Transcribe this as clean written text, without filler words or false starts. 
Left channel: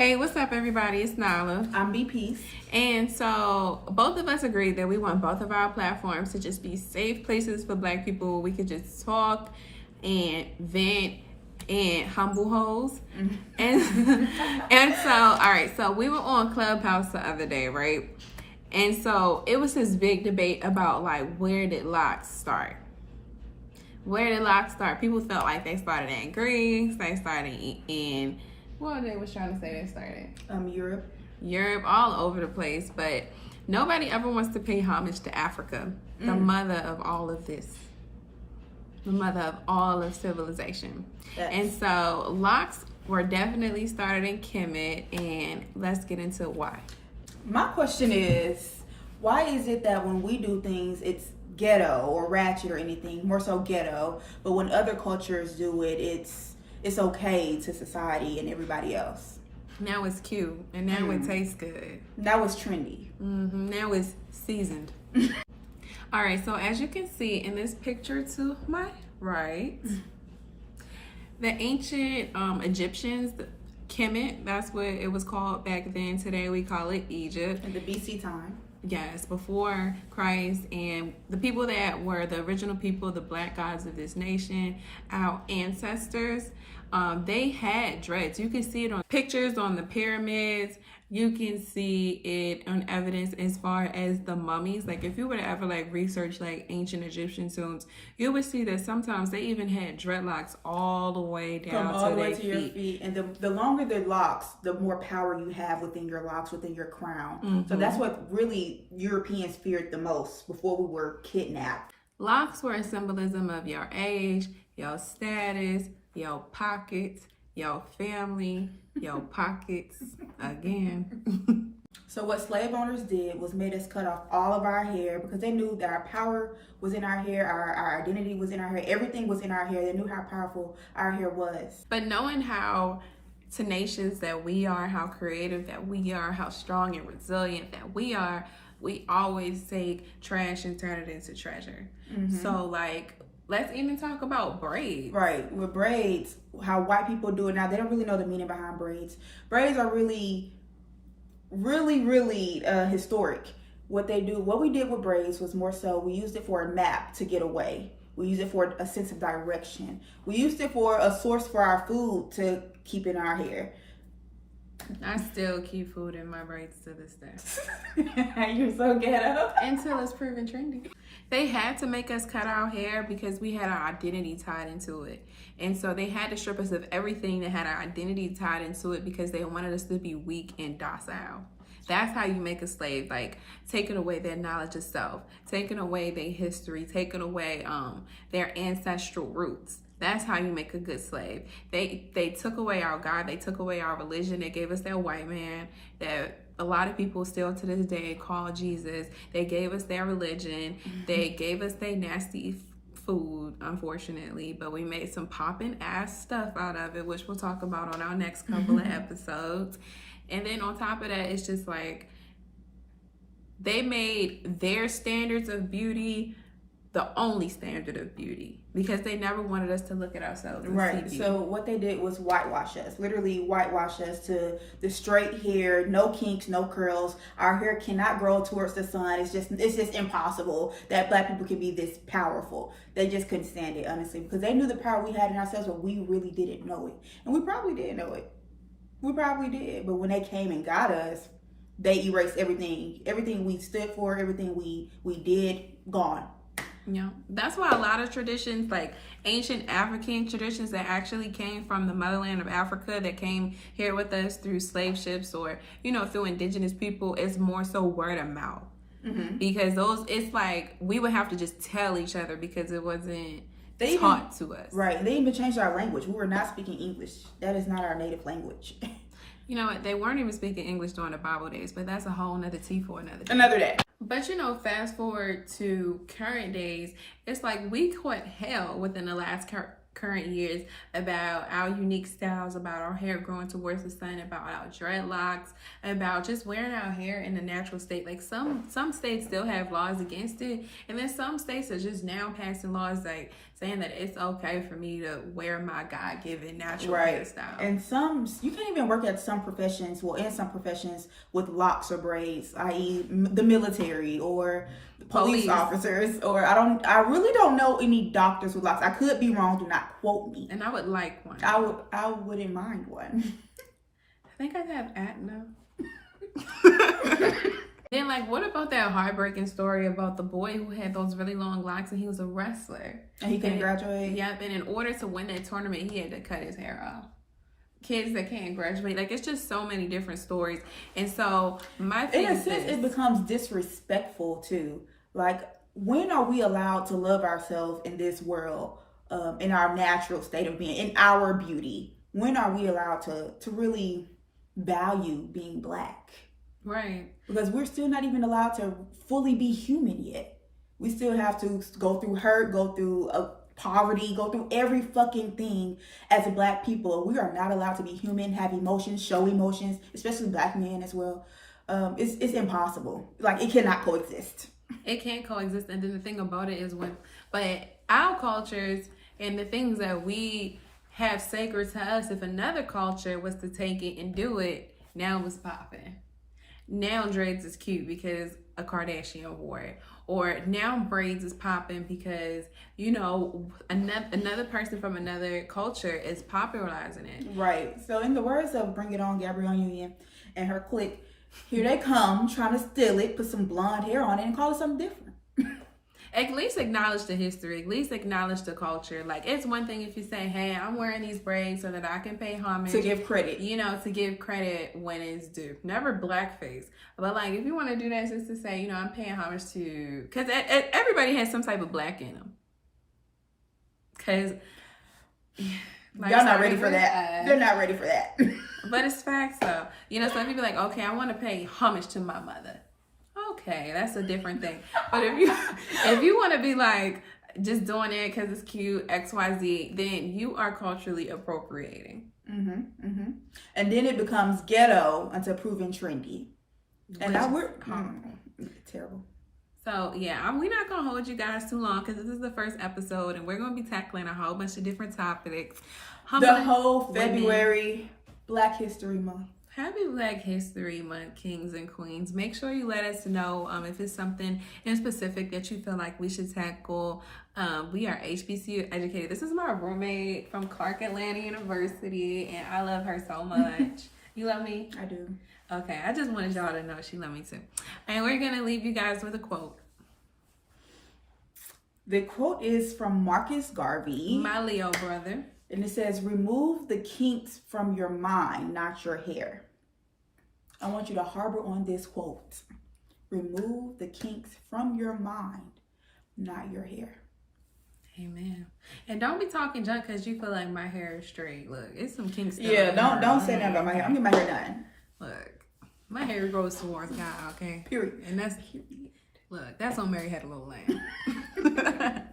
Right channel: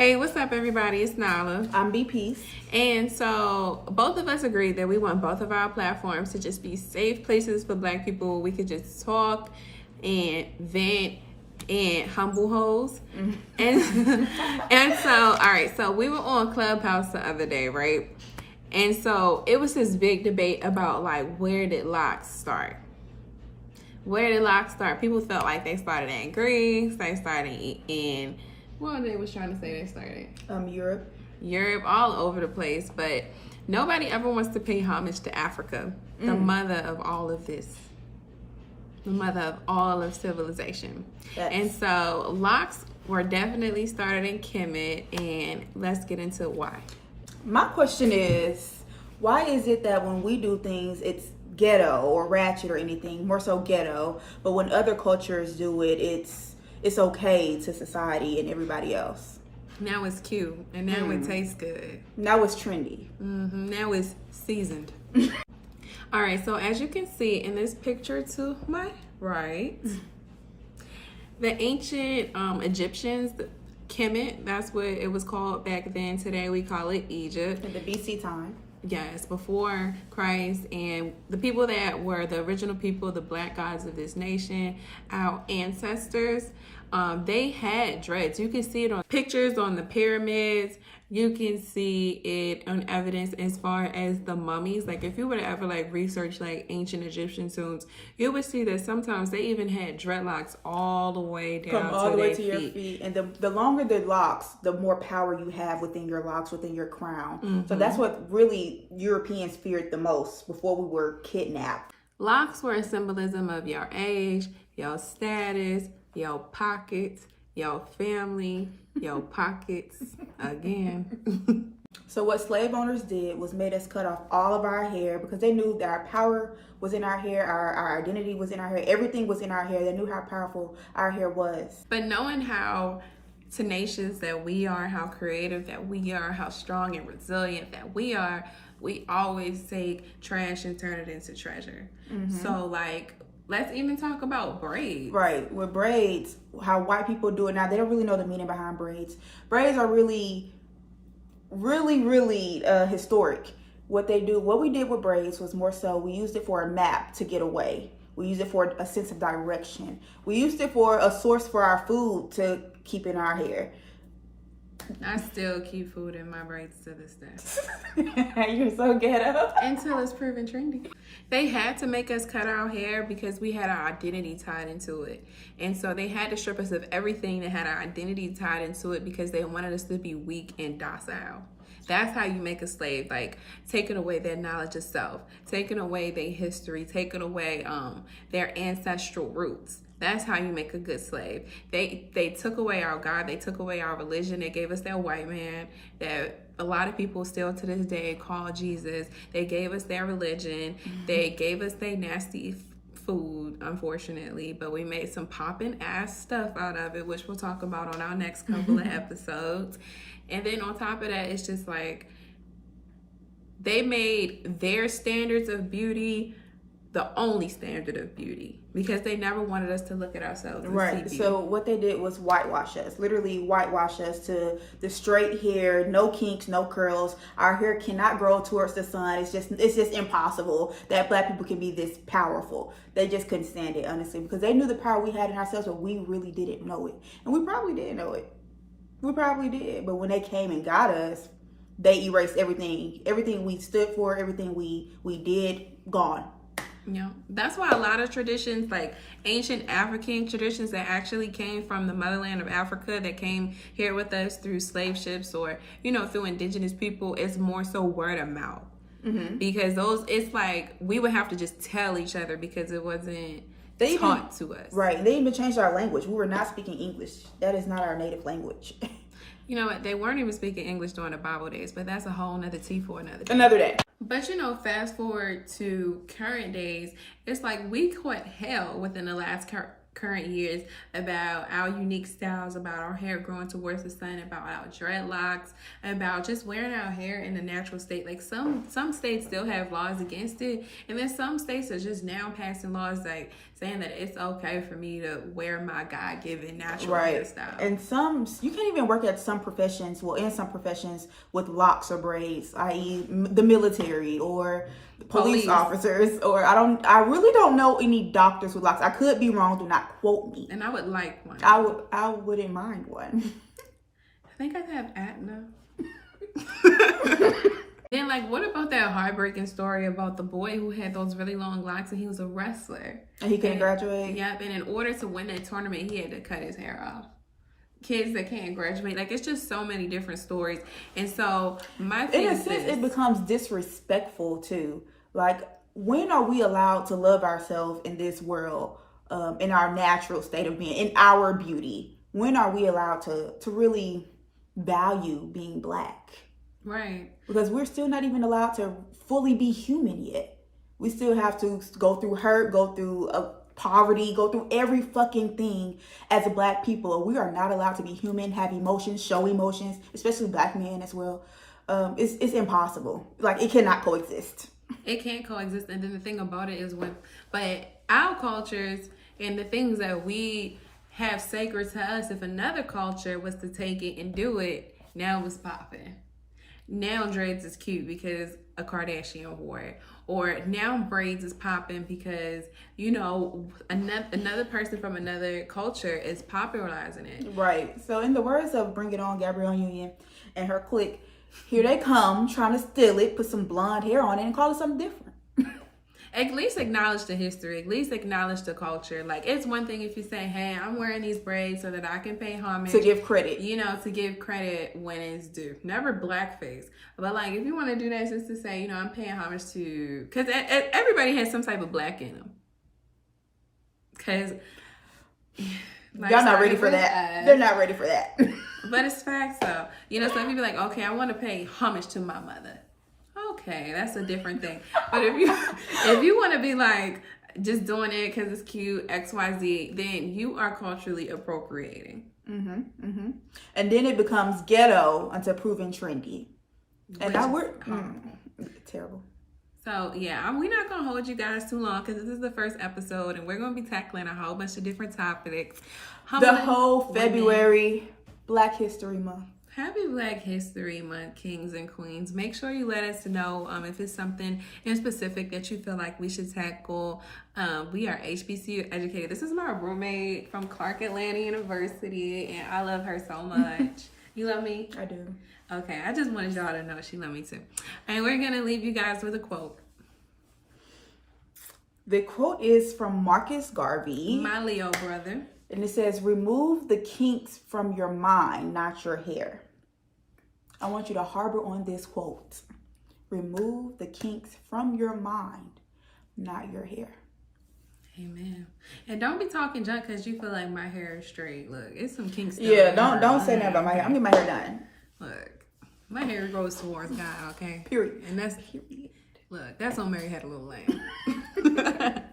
Hey, what's up, everybody? It's Nala. I'm BP. And so both of us agreed that we want both of our platforms to just be safe places for Black people. We could just talk and vent and humble hoes. And so, all right, so we were on Clubhouse the other day, right? And so it was this big debate about, like, where did locks start? Where did locks start? People felt like they started in Greece, they started in what they was trying to say they started? Europe, all over the place. But nobody ever wants to pay homage to Africa, the mother of all of this, the mother of all of civilization. Yes. And so locks were definitely started in Kemet, and let's get into why. My question is, why is it that when we do things, it's ghetto or ratchet or anything, more so ghetto, but when other cultures do it, it's okay to society and everybody else? Now it's cute, and now it tastes good. Now it's trendy. Now it's seasoned. All right, so as you can see in this picture to my right, the ancient Egyptians, Kemet, that's what it was called back then. Today we call it Egypt. In the BC time. Yes, before Christ, and the people that were the original people, the Black gods of this nation, our ancestors, they had dreads. You can see it on pictures on the pyramids. You can see it on evidence as far as the mummies. Like, if you were to ever research ancient Egyptian tombs, you would see that sometimes they even had dreadlocks all the way down to their feet. And the longer the locks, the more power you have within your locks, within your crown. So that's what really Europeans feared the most before we were kidnapped. Locks were a symbolism of your age, your status, your pockets, your family, your pockets again. So what slave owners did was made us cut off all of our hair because they knew that our power was in our hair, our identity was in our hair, everything was in our hair. They knew how powerful our hair was. But knowing how tenacious that we are, how creative that we are, how strong and resilient that we are, we always take trash and turn it into treasure. So let's even talk about braids. Right, with braids, how white people do it now, they don't really know the meaning behind braids. Braids are really historic. What we did with braids was more so, we used it for a map to get away. We used it for a sense of direction. We used it for a source for our food to keep in our hair. I still keep food in my braids to this day. You're so ghetto. Until it's proven trendy. They had to make us cut our hair because we had our identity tied into it. And so they had to strip us of everything that had our identity tied into it because they wanted us to be weak and docile. That's how you make a slave, taking away their knowledge of self, taking away their history, taking away their ancestral roots. That's how you make a good slave. They took away our God. They took away our religion. They gave us that white man that a lot of people still to this day call Jesus. They gave us their religion. They gave us their nasty food, unfortunately, but we made some popping ass stuff out of it, which we'll talk about on our next couple of episodes. And then on top of that, it's just they made their standards of beauty the only standard of beauty because they never wanted us to look at ourselves and see beauty. So what they did was whitewash us, literally whitewash us to the straight hair, no kinks, no curls. Our hair cannot grow towards the sun. It's just impossible that Black people can be this powerful. They just couldn't stand it, honestly, because they knew the power we had in ourselves, but we really didn't know it. And we probably didn't know it. We probably did. But when they came and got us, they erased everything we stood for, everything we did, gone. Yeah, that's why a lot of traditions, ancient African traditions that actually came from the motherland of Africa, that came here with us through slave ships or, through indigenous people, it's more so word of mouth. Because it's we would have to just tell each other because it wasn't taught to us. Right. They even changed our language. We were not speaking English. That is not our native language. You know what? They weren't even speaking English during the Bible days, but that's a whole nother tea for another day. Another day. But fast forward to current days, it's we caught hell within the last current years about our unique styles, about our hair growing towards the sun, about our dreadlocks, about just wearing our hair in the natural state. Some states still have laws against it, and then some states are just now passing laws saying that it's okay for me to wear my God-given natural Right. hairstyle. And some, you can't even work at some professions, well, in some professions with locks or braids, i.e. the military or police officers, or I really don't know any doctors with locks. I could be wrong, do not quote me. And I would like one. I wouldn't mind one. I think I'd have Atna. Then, like, what about that heartbreaking story about the boy who had those really long locks and he was a wrestler? And he couldn't graduate? Yep, and in order to win that tournament, he had to cut his hair off. Kids that can't graduate, like, it's just so many different stories. And so, my thing in a is sense, this. it becomes disrespectful, too. Like, when are we allowed to love ourselves in this world, in our natural state of being, in our beauty? When are we allowed to really value being Black? Right. Because we're still not even allowed to fully be human yet. We still have to go through hurt, go through poverty, go through every fucking thing as a Black people. We are not allowed to be human, have emotions, show emotions, especially Black men as well. It's impossible. Like, it cannot coexist. It can't coexist. And then the thing about it is but our cultures and the things that we have sacred to us, if another culture was to take it and do it, now it's popping. Now dreads is cute because a Kardashian wore it. Or now braids is popping because, you know, another person from another culture is popularizing it. Right. So in the words of Bring It On, Gabrielle Union and her clique, here they come trying to steal it, put some blonde hair on it and call it something different. At least acknowledge the history. At least acknowledge the culture. Like, it's one thing if you say, hey, I'm wearing these braids so that I can pay homage. To give credit. You know, to give credit when it's due. Never blackface. But, like, if you want to do that just to say, you know, I'm paying homage to... Because everybody has some type of Black in them. Because... Like, y'all not ready for that. They're not ready for that. But it's facts, though. You know, so if you be like, okay, I want to pay homage to my mother. Okay, that's a different thing. But if you want to be like just doing it because it's cute, XYZ, then you are culturally appropriating. And then it becomes ghetto until proven trendy. And now we're terrible. So yeah, we're not gonna hold you guys too long because this is the first episode, and we're gonna be tackling a whole bunch of different topics. The whole February Black History Month. Happy Black History Month, kings and queens. Make sure you let us know if it's something in specific that you feel like we should tackle. We are HBCU educated. This is my roommate from Clark Atlanta University, and I love her so much. You love me? I do. Okay, I just wanted y'all to know she loved me too. And we're going to leave you guys with a quote. The quote is from Marcus Garvey. My Leo brother. And it says, remove the kinks from your mind, not your hair. I want you to harbor on this quote. Remove the kinks from your mind, not your hair. Amen. And don't be talking junk because you feel like my hair is straight. Look, it's some kinks still. Yeah, don't say nothing about my hair. I'm getting my hair done. Look, my hair grows towards God, okay? Period. And that's, look, that's on Mary Had a Little Lamb.